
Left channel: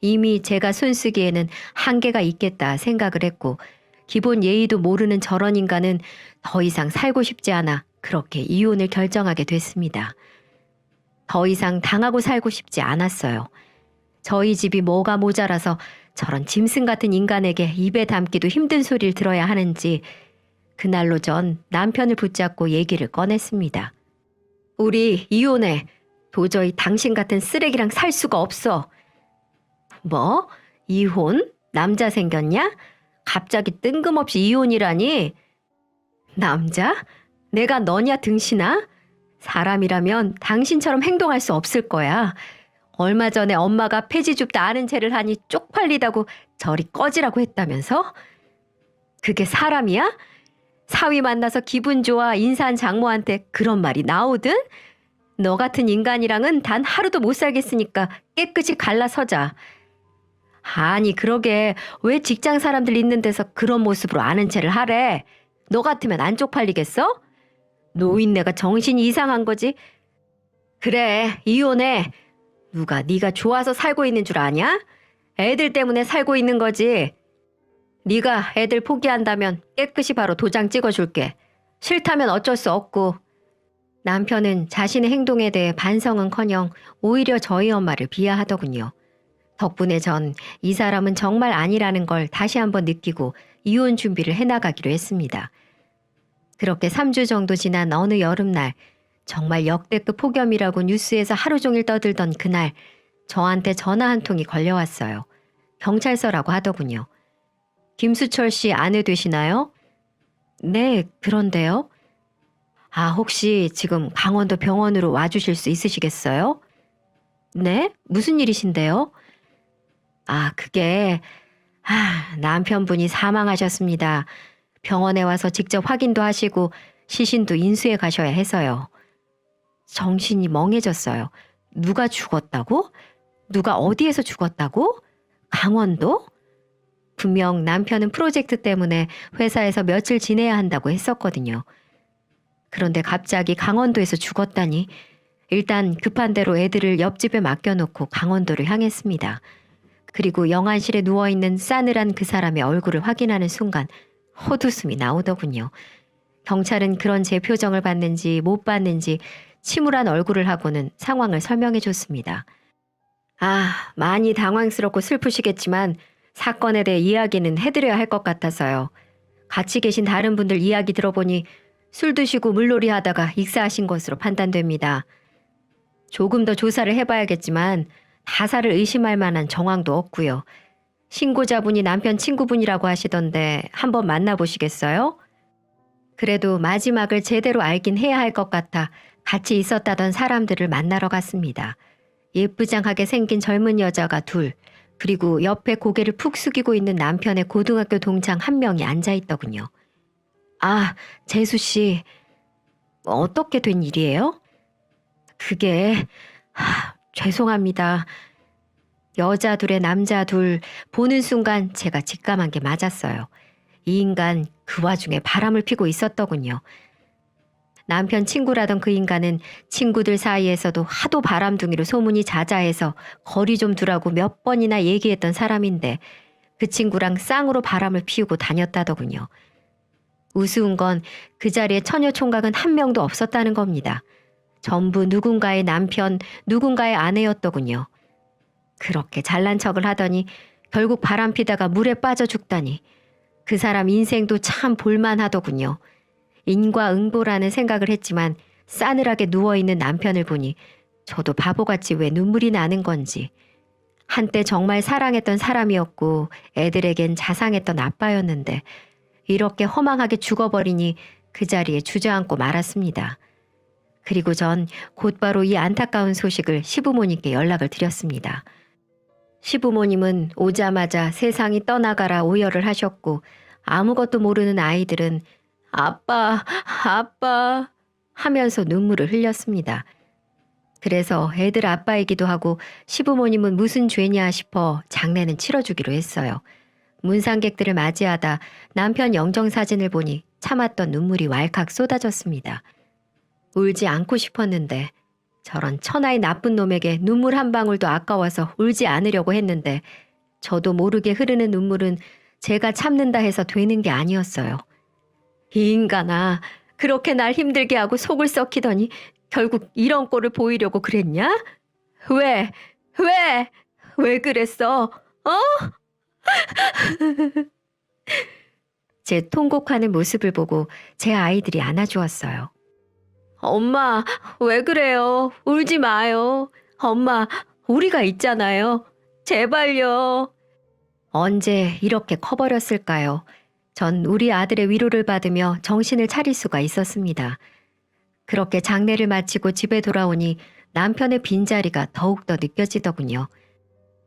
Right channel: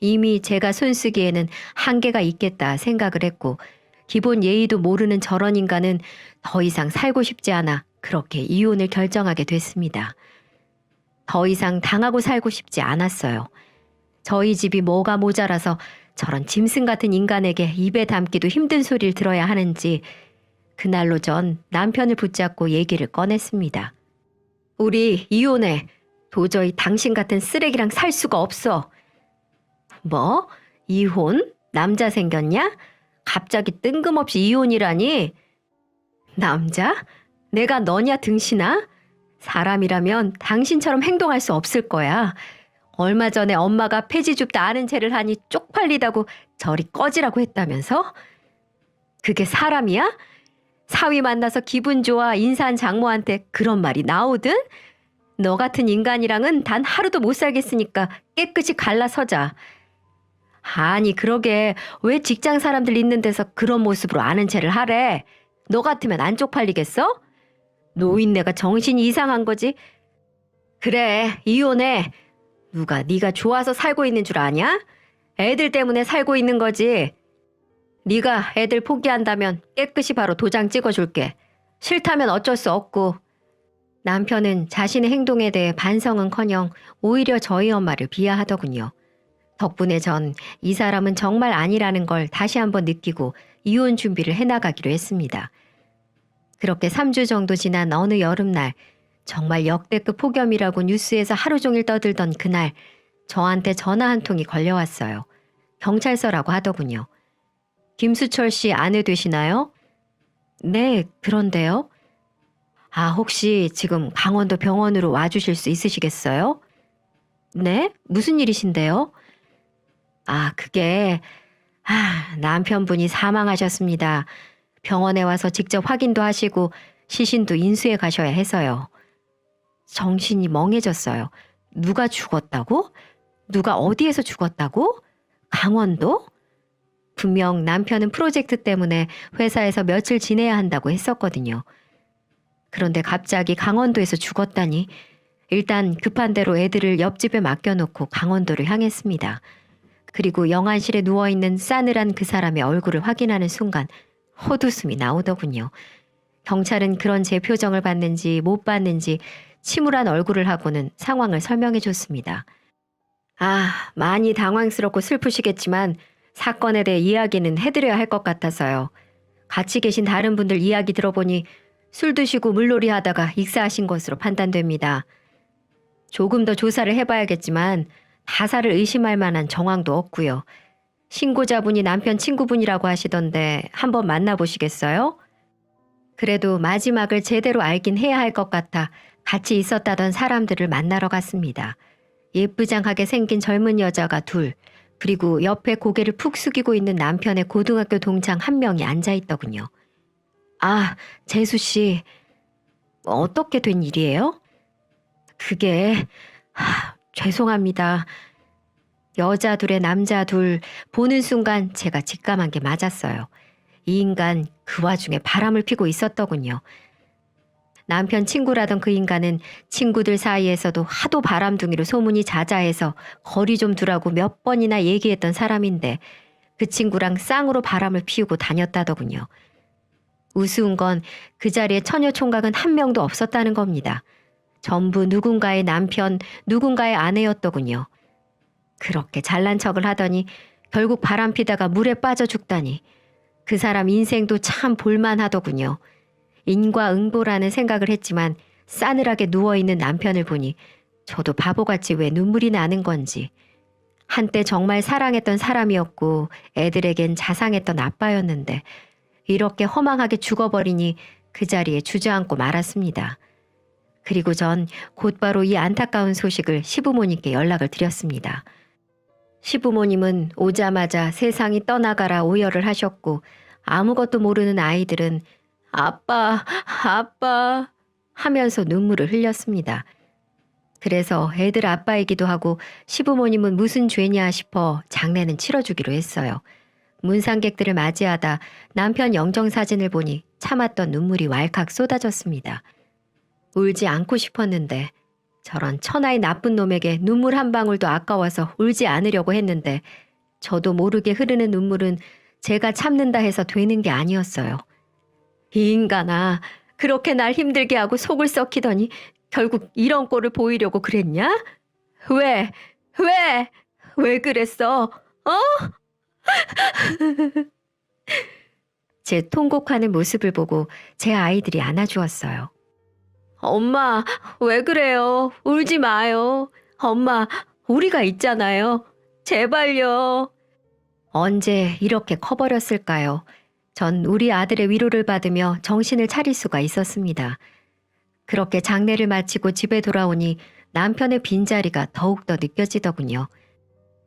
이미 제가 손쓰기에는 한계가 있겠다 생각을 했고 기본 예의도 모르는 저런 인간은 더 이상 살고 싶지 않아 그렇게 이혼을 결정하게 됐습니다. 더 이상 당하고 살고 싶지 않았어요. 저희 집이 뭐가 모자라서 저런 짐승 같은 인간에게 입에 담기도 힘든 소리를 들어야 하는지 그날로 전 남편을 붙잡고 얘기를 꺼냈습니다. 우리 이혼해. 도저히 당신 같은 쓰레기랑 살 수가 없어. 뭐? 이혼? 남자 생겼냐? 갑자기 뜬금없이 이혼이라니? 남자? 내가 너냐 등신아? 사람이라면 당신처럼 행동할 수 없을 거야. 얼마 전에 엄마가 폐지 줍다 아는 체를 하니 쪽팔리다고 저리 꺼지라고 했다면서? 그게 사람이야? 사위 만나서 기분 좋아 인사한 장모한테 그런 말이 나오든? 너 같은 인간이랑은 단 하루도 못 살겠으니까 깨끗이 갈라서자. 아니 그러게 왜 직장 사람들 있는 데서 그런 모습으로 아는 체를 하래? 너 같으면 안 쪽팔리겠어? 노인네가 정신이 이상한 거지. 그래 이혼해. 누가 네가 좋아서 살고 있는 줄 아냐? 애들 때문에 살고 있는 거지. 네가 애들 포기한다면 깨끗이 바로 도장 찍어줄게. 싫다면 어쩔 수 없고. 남편은 자신의 행동에 대해 반성은커녕 오히려 저희 엄마를 비하하더군요. 덕분에 전 이 사람은 정말 아니라는 걸 다시 한번 느끼고 이혼 준비를 해나가기로 했습니다. 그렇게 3주 정도 지난 어느 여름날 정말 역대급 폭염이라고 뉴스에서 하루 종일 떠들던 그날 저한테 전화 한 통이 걸려왔어요. 경찰서라고 하더군요. 김수철 씨 아내 되시나요? 네, 그런데요. 아, 혹시 지금 강원도 병원으로 와주실 수 있으시겠어요? 네? 무슨 일이신데요? 아, 그게, 남편분이 사망하셨습니다. 병원에 와서 직접 확인도 하시고 시신도 인수해 가셔야 해서요. 정신이 멍해졌어요. 누가 죽었다고? 누가 어디에서 죽었다고? 강원도? 분명 남편은 프로젝트 때문에 회사에서 며칠 지내야 한다고 했었거든요. 그런데 갑자기 강원도에서 죽었다니. 일단 급한 대로 애들을 옆집에 맡겨놓고 강원도를 향했습니다. 그리고 영안실에 누워있는 싸늘한 그 사람의 얼굴을 확인하는 순간 헛웃음이 나오더군요. 경찰은 그런 제 표정을 봤는지 못 봤는지 침울한 얼굴을 하고는 상황을 설명해 줬습니다. 아, 많이 당황스럽고 슬프시겠지만 사건에 대해 이야기는 해드려야 할 것 같아서요. 같이 계신 다른 분들 이야기 들어보니 술 드시고 물놀이 하다가 익사하신 것으로 판단됩니다. 조금 더 조사를 해봐야겠지만 자살을 의심할 만한 정황도 없고요. 신고자분이 남편 친구분이라고 하시던데 한번 만나보시겠어요? 그래도 마지막을 제대로 알긴 해야 할 것 같아 같이 있었다던 사람들을 만나러 갔습니다. 예쁘장하게 생긴 젊은 여자가 둘, 그리고 옆에 고개를 푹 숙이고 있는 남편의 고등학교 동창 한 명이 앉아있더군요. 아, 재수 씨, 어떻게 된 일이에요? 그게, 죄송합니다. 여자 둘에 남자 둘, 보는 순간 제가 직감한 게 맞았어요. 이 인간 그 와중에 바람을 피고 있었더군요. 남편 친구라던 그 인간은 친구들 사이에서도 하도 바람둥이로 소문이 자자해서 거리 좀 두라고 몇 번이나 얘기했던 사람인데 그 친구랑 쌍으로 바람을 피우고 다녔다더군요. 우스운 건 그 자리에 처녀 총각은 한 명도 없었다는 겁니다. 전부 누군가의 남편, 누군가의 아내였더군요. 그렇게 잘난 척을 하더니 결국 바람 피다가 물에 빠져 죽다니 그 사람 인생도 참 볼만하더군요. 인과응보라는 생각을 했지만 싸늘하게 누워있는 남편을 보니 저도 바보같이 왜 눈물이 나는 건지. 한때 정말 사랑했던 사람이었고 애들에겐 자상했던 아빠였는데 이렇게 허망하게 죽어버리니 그 자리에 주저앉고 말았습니다. 그리고 전 곧바로 이 안타까운 소식을 시부모님께 연락을 드렸습니다. 시부모님은 오자마자 세상이 떠나가라 오열을 하셨고 아무것도 모르는 아이들은 아빠, 아빠 하면서 눈물을 흘렸습니다. 그래서 애들 아빠이기도 하고 시부모님은 무슨 죄냐 싶어 장례는 치러주기로 했어요. 문상객들을 맞이하다 남편 영정사진을 보니 참았던 눈물이 왈칵 쏟아졌습니다. 울지 않고 싶었는데 저런 천하의 나쁜 놈에게 눈물 한 방울도 아까워서 울지 않으려고 했는데 저도 모르게 흐르는 눈물은 제가 참는다 해서 되는 게 아니었어요. 이 인간아, 그렇게 날 힘들게 하고 속을 썩히더니 결국 이런 꼴을 보이려고 그랬냐? 왜? 왜? 왜 그랬어? 제 통곡하는 모습을 보고 제 아이들이 안아주었어요. 엄마, 왜 그래요? 울지 마요. 엄마, 우리가 있잖아요. 제발요. 언제 이렇게 커버렸을까요? 전 우리 아들의 위로를 받으며 정신을 차릴 수가 있었습니다. 그렇게 장례를 마치고 집에 돌아오니 남편의 빈자리가 더욱더 느껴지더군요.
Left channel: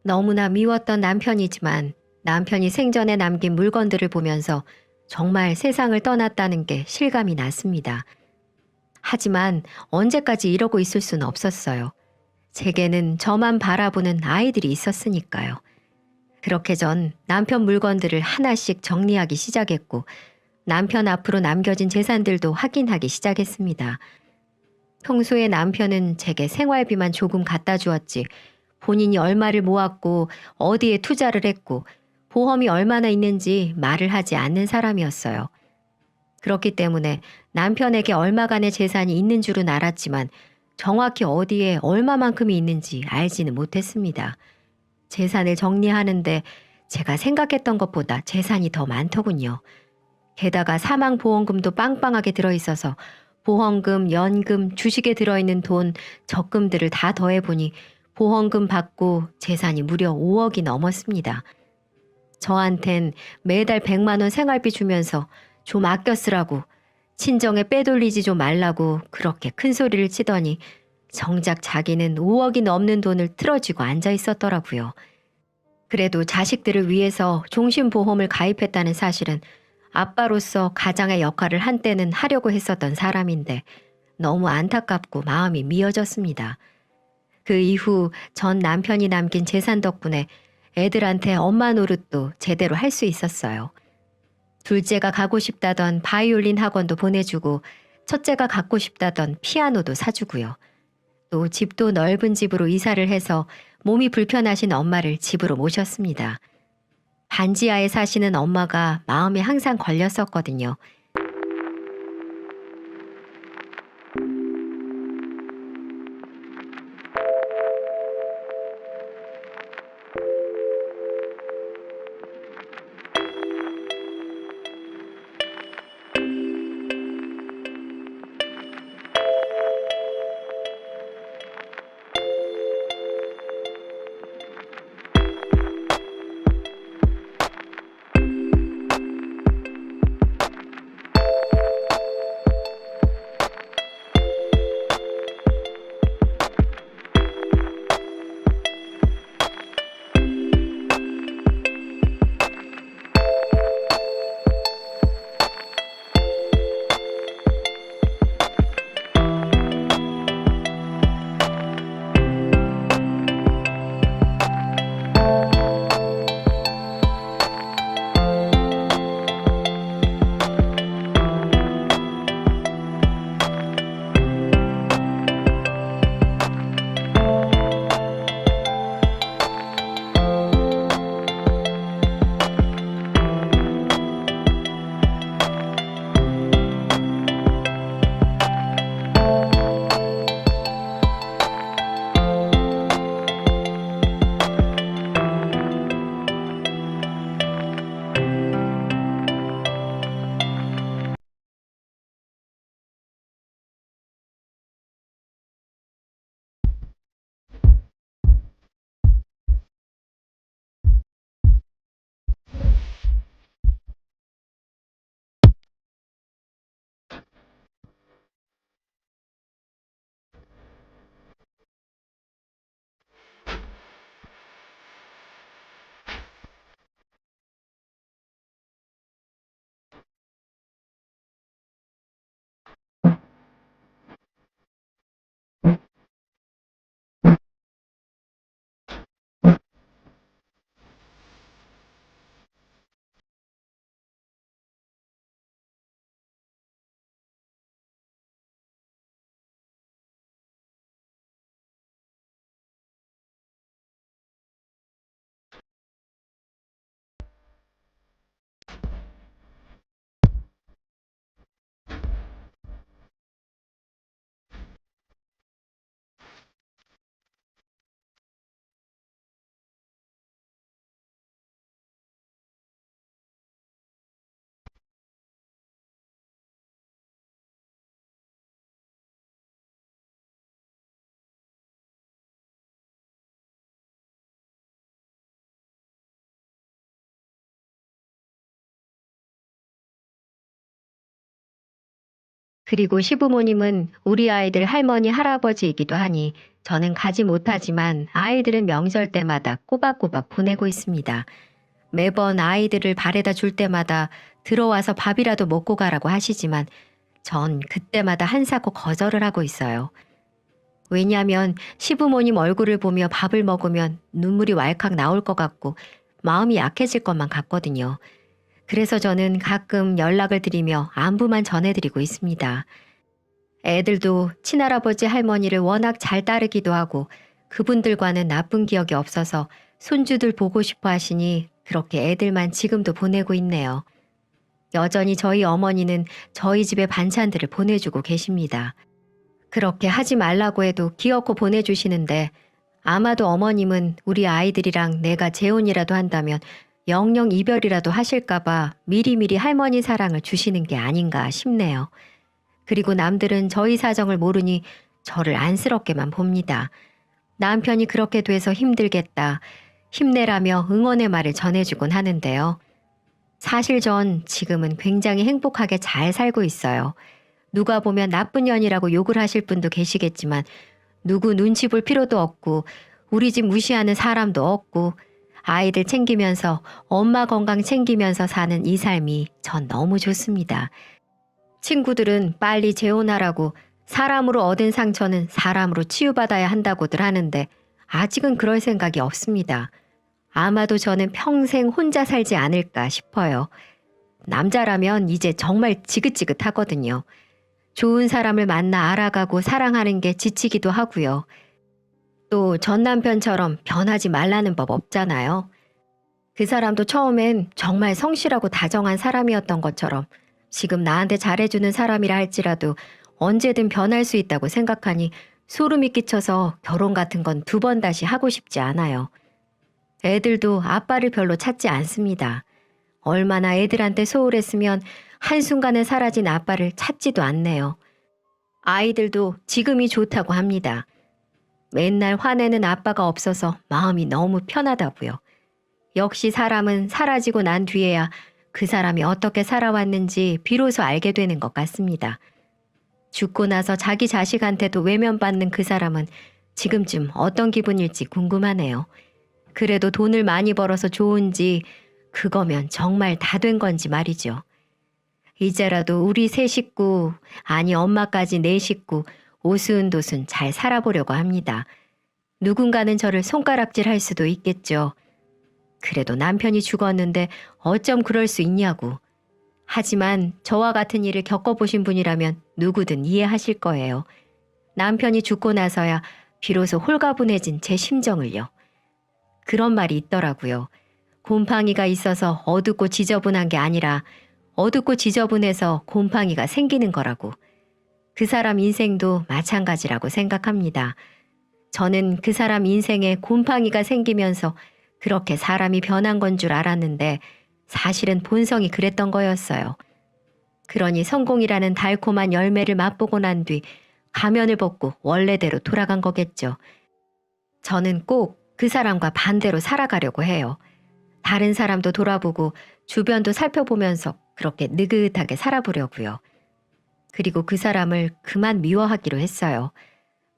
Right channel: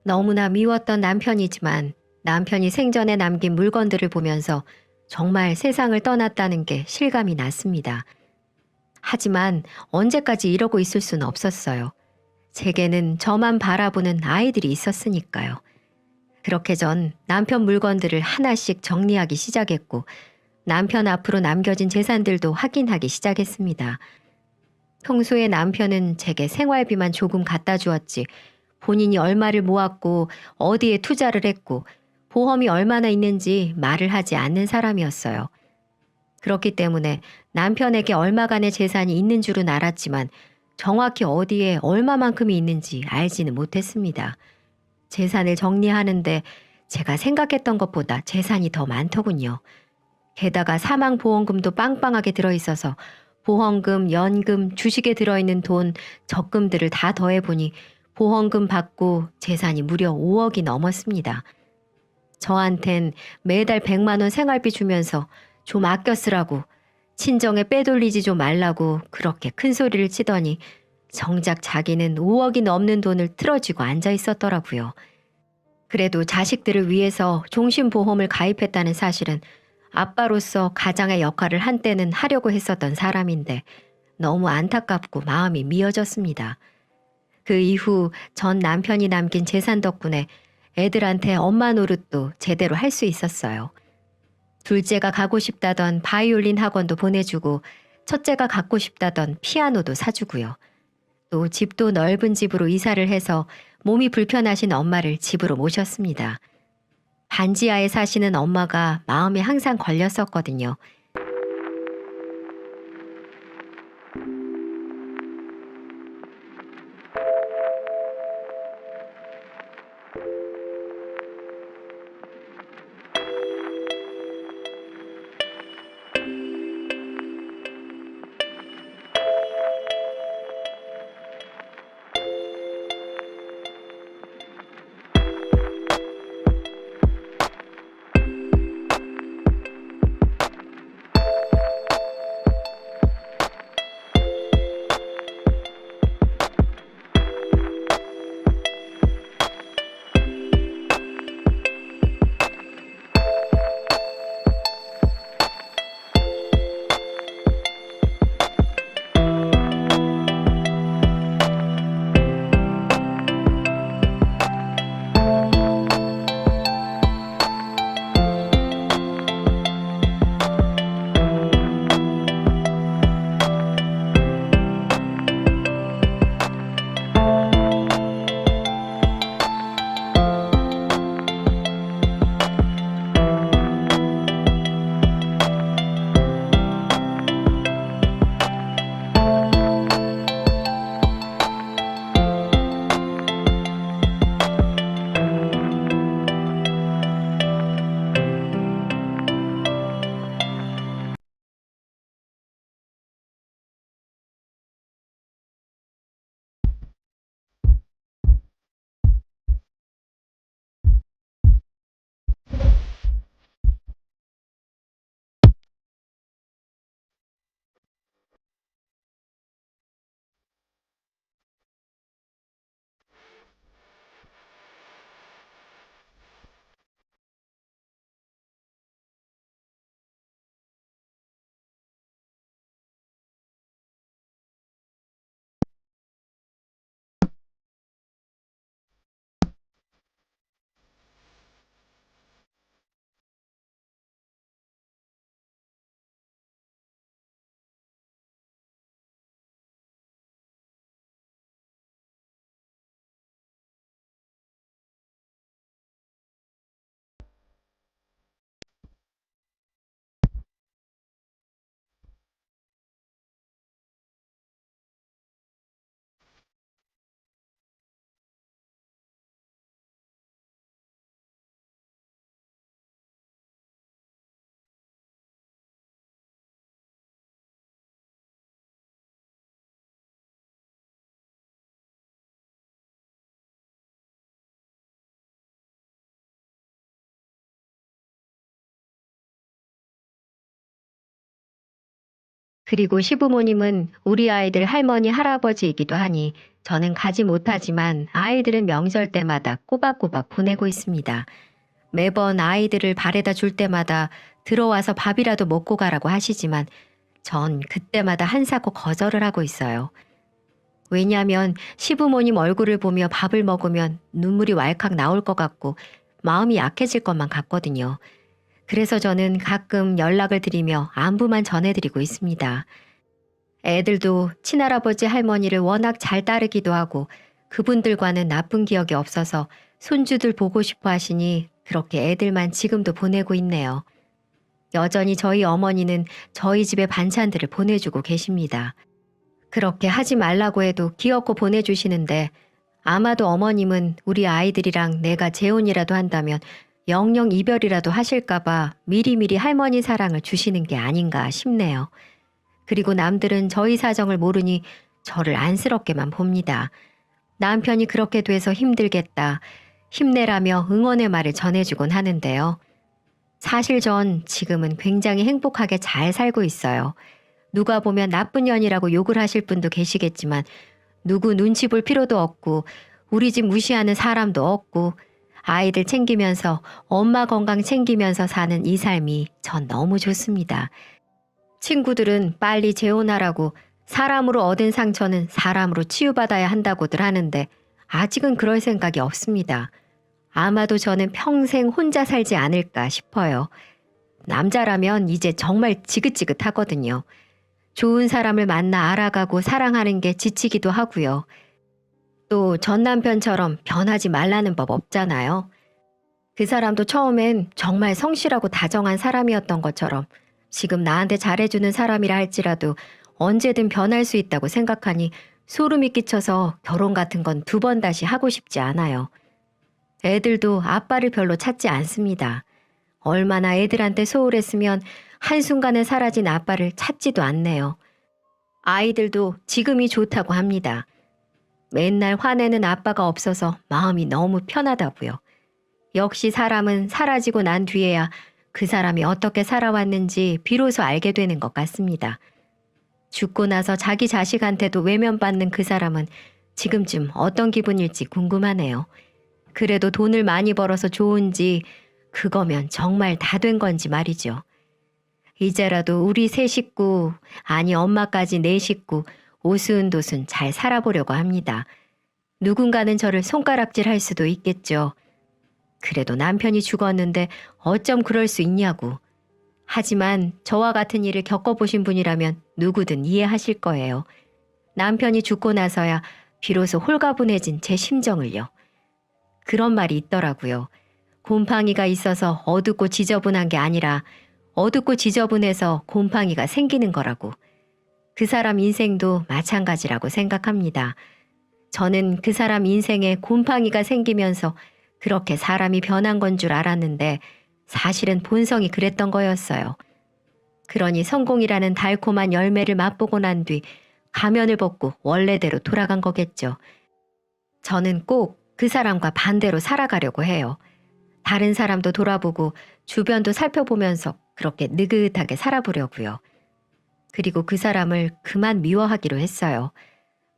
너무나 미웠던 남편이지만 남편이 생전에 남긴 물건들을 보면서 정말 세상을 떠났다는 게 실감이 났습니다. 하지만 언제까지 이러고 있을 수는 없었어요. 제게는 저만 바라보는 아이들이 있었으니까요. 그렇게 전 남편 물건들을 하나씩 정리하기 시작했고 남편 앞으로 남겨진 재산들도 확인하기 시작했습니다. 평소에 남편은 제게 생활비만 조금 갖다 주었지 본인이 얼마를 모았고 어디에 투자를 했고 보험이 얼마나 있는지 말을 하지 않는 사람이었어요. 그렇기 때문에 남편에게 얼마간의 재산이 있는 줄은 알았지만 정확히 어디에 얼마만큼이 있는지 알지는 못했습니다. 재산을 정리하는데 제가 생각했던 것보다 재산이 더 많더군요. 게다가 사망보험금도 빵빵하게 들어있어서 보험금, 연금, 주식에 들어있는 돈, 적금들을 다 더해보니 보험금 받고 재산이 무려 5억이 넘었습니다. 저한텐 매달 100만 원 생활비 주면서 좀 아껴 쓰라고, 친정에 빼돌리지 좀 말라고 그렇게 큰 소리를 치더니 정작 자기는 5억이 넘는 돈을 틀어쥐고 앉아 있었더라고요. 그래도 자식들을 위해서 종신보험을 가입했다는 사실은 아빠로서 가장의 역할을 한때는 하려고 했었던 사람인데 너무 안타깝고 마음이 미어졌습니다. 그 이후 전 남편이 남긴 재산 덕분에 애들한테 엄마 노릇도 제대로 할 수 있었어요. 둘째가 가고 싶다던 바이올린 학원도 보내주고 첫째가 갖고 싶다던 피아노도 사주고요. 또 집도 넓은 집으로 이사를 해서 몸이 불편하신 엄마를 집으로 모셨습니다. 반지하에 사시는 엄마가 마음에 항상 걸렸었거든요. 그리고 시부모님은 우리 아이들 할머니, 할아버지이기도 하니 저는 가지 못하지만 아이들은 명절 때마다 꼬박꼬박 보내고 있습니다. 매번 아이들을 바래다 줄 때마다 들어와서 밥이라도 먹고 가라고 하시지만 전 그때마다 한사코 거절을 하고 있어요. 왜냐하면 시부모님 얼굴을 보며 밥을 먹으면 눈물이 왈칵 나올 것 같고 마음이 약해질 것만 같거든요. 그래서 저는 가끔 연락을 드리며 안부만 전해드리고 있습니다. 애들도 친할아버지 할머니를 워낙 잘 따르기도 하고 그분들과는 나쁜 기억이 없어서 손주들 보고 싶어 하시니 그렇게 애들만 지금도 보내고 있네요. 여전히 저희 어머니는 저희 집에 반찬들을 보내주고 계십니다. 그렇게 하지 말라고 해도 귀엽고 보내주시는데 아마도 어머님은 우리 아이들이랑 내가 재혼이라도 한다면 영영 이별이라도 하실까봐 미리미리 할머니 사랑을 주시는 게 아닌가 싶네요. 그리고 남들은 저희 사정을 모르니 저를 안쓰럽게만 봅니다. 남편이 그렇게 돼서 힘들겠다, 힘내라며 응원의 말을 전해주곤 하는데요. 사실 전 지금은 굉장히 행복하게 잘 살고 있어요. 누가 보면 나쁜 년이라고 욕을 하실 분도 계시겠지만 누구 눈치 볼 필요도 없고 우리 집 무시하는 사람도 없고 아이들 챙기면서 엄마 건강 챙기면서 사는 이 삶이 전 너무 좋습니다. 친구들은 빨리 재혼하라고 사람으로 얻은 상처는 사람으로 치유받아야 한다고들 하는데 아직은 그럴 생각이 없습니다. 아마도 저는 평생 혼자 살지 않을까 싶어요. 남자라면 이제 정말 지긋지긋하거든요. 좋은 사람을 만나 알아가고 사랑하는 게 지치기도 하고요. 또 전 남편처럼 변하지 말라는 법 없잖아요. 그 사람도 처음엔 정말 성실하고 다정한 사람이었던 것처럼 지금 나한테 잘해주는 사람이라 할지라도 언제든 변할 수 있다고 생각하니 소름이 끼쳐서 결혼 같은 건 두 번 다시 하고 싶지 않아요. 애들도 아빠를 별로 찾지 않습니다. 얼마나 애들한테 소홀했으면 한순간에 사라진 아빠를 찾지도 않네요. 아이들도 지금이 좋다고 합니다. 맨날 화내는 아빠가 없어서 마음이 너무 편하다고요. 역시 사람은 사라지고 난 뒤에야 그 사람이 어떻게 살아왔는지 비로소 알게 되는 것 같습니다. 죽고 나서 자기 자식한테도 외면받는 그 사람은 지금쯤 어떤 기분일지 궁금하네요. 그래도 돈을 많이 벌어서 좋은지 그거면 정말 다 된 건지 말이죠. 이제라도 우리 세 식구, 아니 엄마까지 네 식구 오순도순 잘 살아보려고 합니다. 누군가는 저를 손가락질할 수도 있겠죠. 그래도 남편이 죽었는데 어쩜 그럴 수 있냐고. 하지만 저와 같은 일을 겪어보신 분이라면 누구든 이해하실 거예요. 남편이 죽고 나서야 비로소 홀가분해진 제 심정을요. 그런 말이 있더라고요. 곰팡이가 있어서 어둡고 지저분한 게 아니라 어둡고 지저분해서 곰팡이가 생기는 거라고. 그 사람 인생도 마찬가지라고 생각합니다. 저는 그 사람 인생에 곰팡이가 생기면서 그렇게 사람이 변한 건 줄 알았는데 사실은 본성이 그랬던 거였어요. 그러니 성공이라는 달콤한 열매를 맛보고 난 뒤 가면을 벗고 원래대로 돌아간 거겠죠. 저는 꼭 그 사람과 반대로 살아가려고 해요. 다른 사람도 돌아보고 주변도 살펴보면서 그렇게 느긋하게 살아보려고요. 그리고 그 사람을 그만 미워하기로 했어요.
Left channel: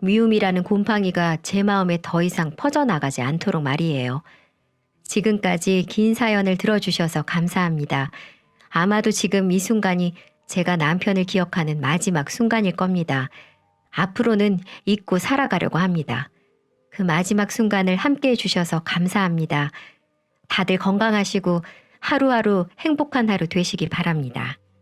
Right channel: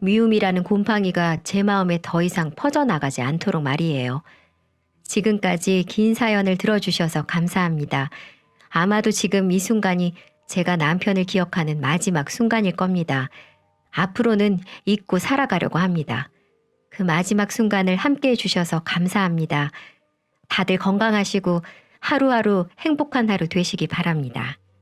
미움이라는 곰팡이가 제 마음에 더 이상 퍼져나가지 않도록 말이에요. 지금까지 긴 사연을 들어주셔서 감사합니다. 아마도 지금 이 순간이 제가 남편을 기억하는 마지막 순간일 겁니다. 앞으로는 잊고 살아가려고 합니다. 그 마지막 순간을 함께 해주셔서 감사합니다. 다들 건강하시고 하루하루 행복한 하루 되시기 바랍니다.